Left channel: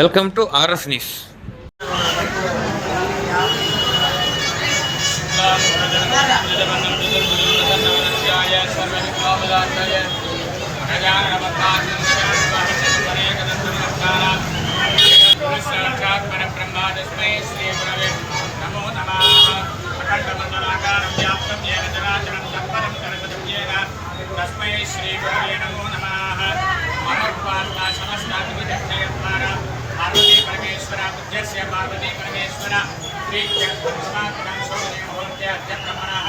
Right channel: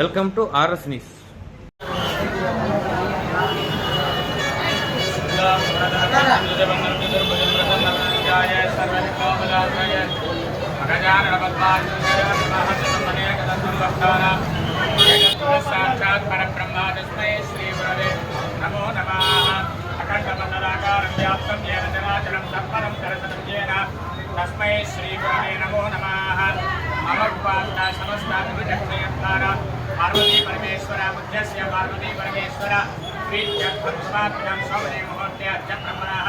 Welcome to RS news. సాక్షాత్ పరబ్రహ్మ తస్మై శ్రీ గురవే నమో నమ. అఖండమండలాకారం వ్యాప్తం ఏన చరాచరం తత్పదం దర్శనం ఏన తస్మై శ్రీ గురవే నమో నమః మమ ఉపాసన సమస్తానికి దక్షయత్వార పార్వతీ పరమేశ్వర బుద్ధస్య పార్వతీ పరమేశ్వర శ్రీ చక్రమాత్రం స్వమనే ముహూర్తే అద్య బ్రహ్మణः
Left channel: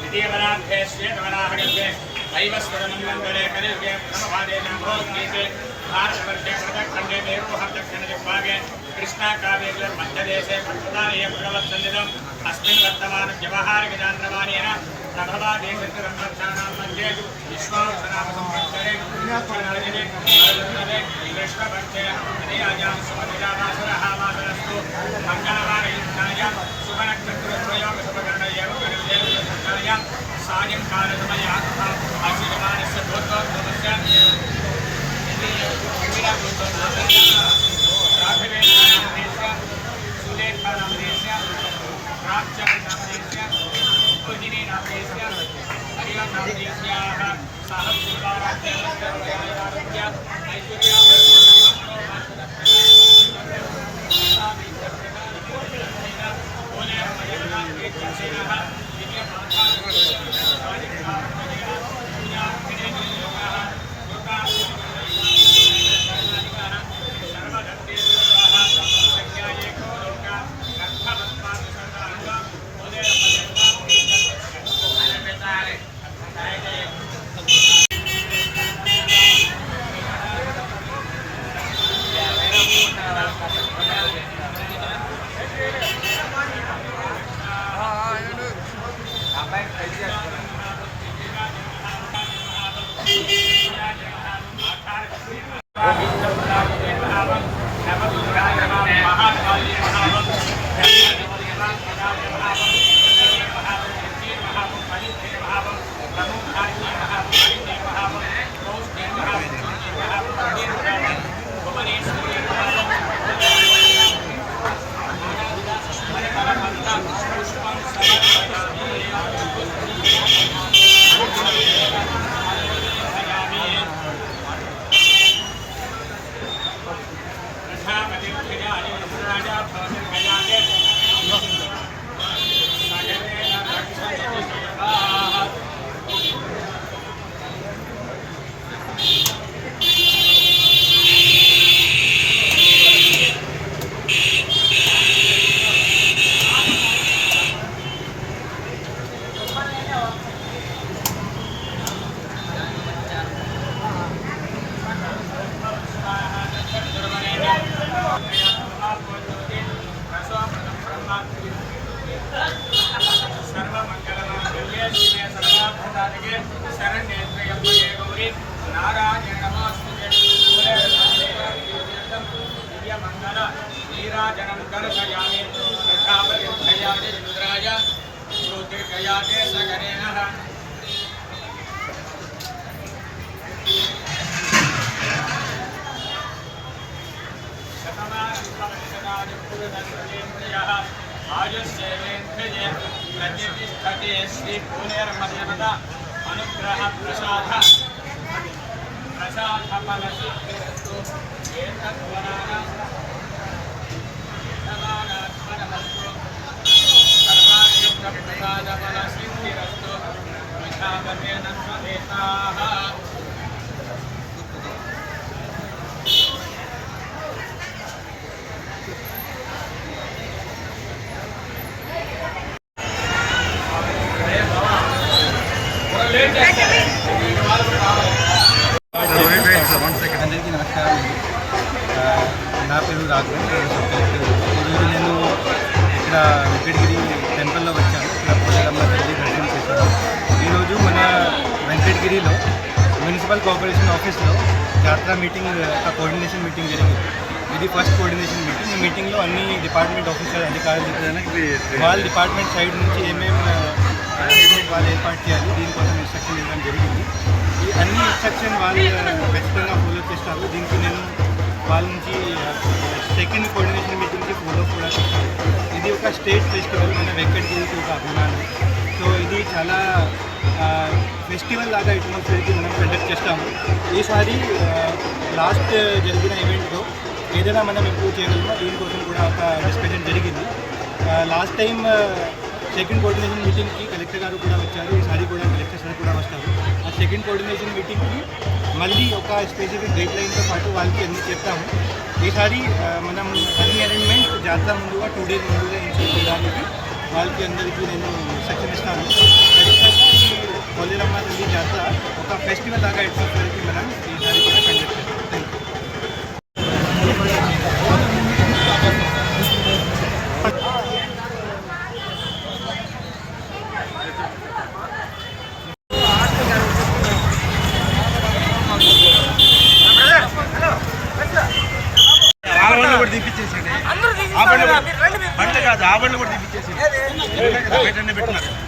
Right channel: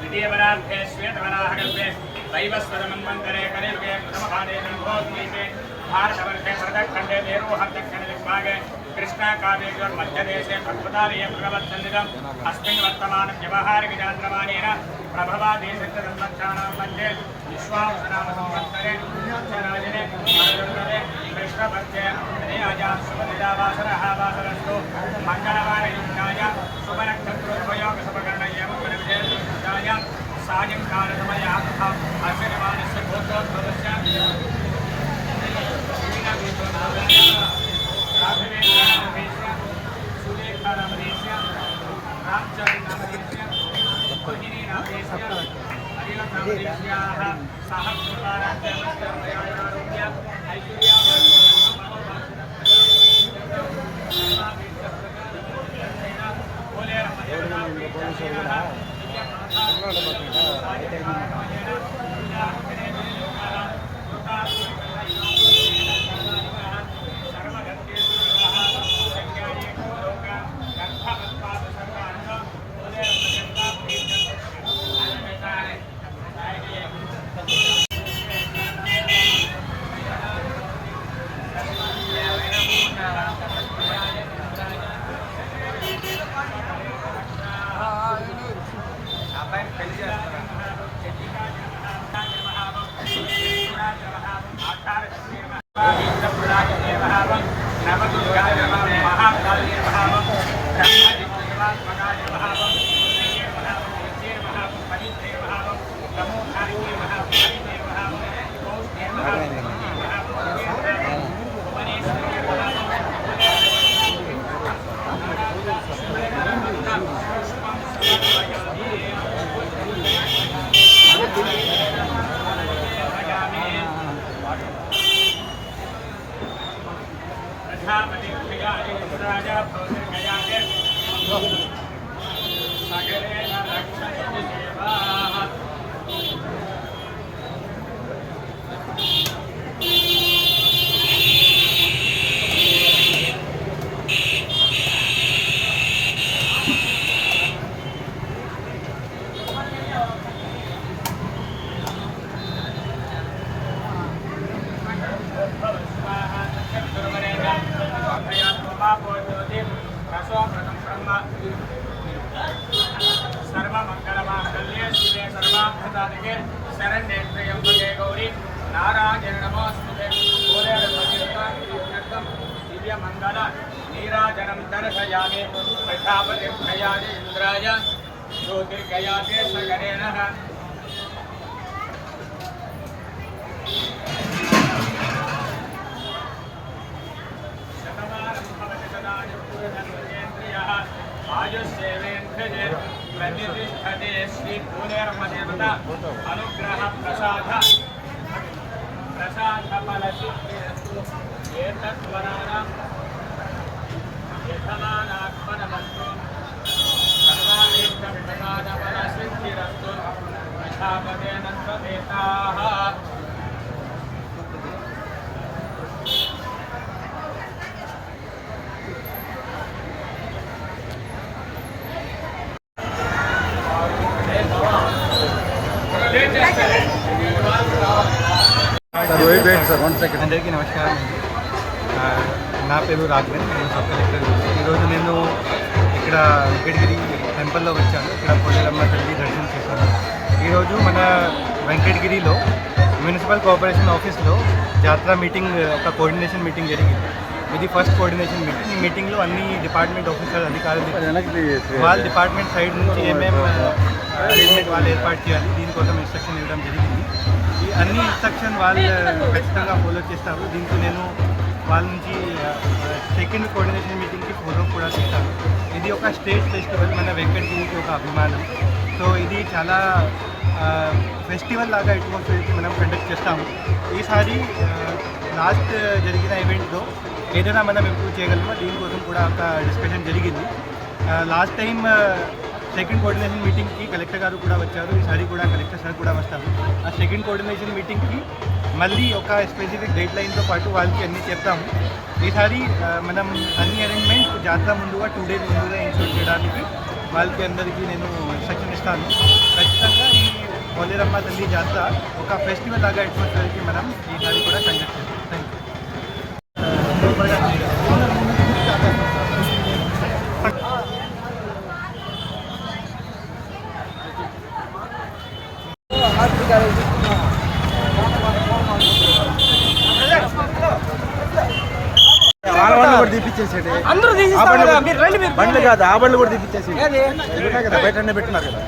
द्वितीयपदार्थे श्वेतवराहकल्पे वैवस्वरमन्वन्तरे कलियुगे प्रथमपादे जम्भोग्नीति भारतवर्षे प्रदक्षण्डे मेरोहर्दक्षिणदिग्भागे कृष्णाकाव्ययोर्मध्यदेशे भक्तदालये प्रणवत्सन्निधम् अस्मिन् वर्तमानव्यवहारिकचान्द्रमानेन प्रभवादि सिद्धब्रह्मक्षाणां मध्ये विश्वावसनाम संवत्सरे वासरः वासरस्तु मङ्गलवारयुक्ताय शुभनक्षत्रद्वयोगशुभकरण एव गणविजयप्रसिद्धाय सायङ्कालसमयः तथा अस्य विमानस्य भूतोद्भवस्य राघवेन्द्रनामदेशस्य सुलेखानामदेशस्य रामचरणनामदेशस्य मोहिनीनामदेशस्य ऐश्वर्या సర్వమంగళమాంగళ్యే శివే సర్వార్థదాయకే त्र्यम्बके गौरी नारायण नमोऽस्तुते मूले ब्रह्मदेवं दिव्यमङ्गल नीराजनं दर्शयामि प्रजापतिभयाय इन्द्राय ज्योतिर्गया केशगणेन देवेन्द्रिये प्रतिष्ठते श्रीभूलेर्मदेवता अनुग्रहप्रसाद प्रसादफलसिद्धिरस्तु एतद्वराणां यजमानात्मनमस्तु सर्वादेशप्रसादफलसिद्धिरस्तु विषादमेन स्वदेताः అందరికీ నమస్కారం అండి నా పేరు రాఘవన్ నేను సబ్ కలెక్టర్ ఈరోజు నేను ఇక్కడ వెంకటగిరి టెంపుల్లో వచ్చాను. ఇక్కడ పోలేరమ్మ తల్లి దర్శనం చేశాను. ఈరోజు మన వెంకటగిరిలో మున్సిపల్ కార్పొరేషన్ ఆఫీస్లో జాతర మీటింగ్ ఒక కోఆర్డినేషన్ మీటింగ్ జరిగింది. ఇది ఫస్ట్ కోఆర్డినేషన్ మీటింగ్. ఈ మీటింగ్లో అన్ని డిపార్ట్మెంట్ ఆఫీసర్ అధికారులు వాళ్ళ డిపార్ట్మెంట్ సైడ్ నుంచి ఏమేమి అరేంజ్మెంట్ వాళ్ళు ఏర్పాటు చేయాలి. దీనికోసం ఇన్స్ట్రక్షన్ ఇవ్వడం జరిగింది. ఈ అన్ని ఇన్స్ట్రక్షన్ వాళ్ళు ఖచ్చితంగా ఫాలో చేస్తారు. దీనికి నేను వాళ్ళ నుంచి సెకండ్ కోఆర్డినేషన్ మీటింగ్కి ఫాలో కూడా చేస్తాను ఇది ఒక స్టేట్ ఫెస్టివల్ మన వెంకటగిరికి ఒక అభిమానం. సో ఇది చాలా ఫెస్టివల్ లాగా అట్మాస్ఫియర్కి మనం కండక్ట్ చేస్తాము. ఈసారి లాస్ట్ జరిగిన ఈవెంట్లో ఏదైనా మనం ఇంప్రూవ్ చేయగలమా? దీనికోసం కూడా ఒక డిస్కషన్ జరిగింది. లాస్ట్ టైం సెకండ్ కోఆర్డినేషన్ మీటింగ్కి కలెక్టర్ గారు కూడా వచ్చారు ఈసారి కూడా కలెక్టర్ సార్ కూడా వస్తారు. ఆ సెకండ్ కోఆర్డినేషన్ మీటింగ్కి మళ్ళీ ఒక స్పెసిఫిక్ గైడ్ లైన్తో పాటు వాళ్ళకి అన్నీ చెప్తాము. ఈసారి మనం అన్ని అరేంజ్మెంట్ జాతర ముందుగా టూ డేస్ ముందుగా ఇన్షూర్ చేయడానికి వాళ్ళకి అందరికీ నేను ఇన్స్ట్రక్షన్ ఇస్తాను. ఖచ్చితంగా ఈ పోలేరమ్మ తల్లి జాతర ఒక ఫెస్టివల్ లాగా అట్మాస్ఫియర్కి మనం ఈసారి కూడా కండక్ట్ చేస్తాం. థ్యాంక్ యూ బండ్లు కాదు ఆ బండ్లు కూడా తీపిచ్చేసి. బయటనే పెట్టున్నారు కదా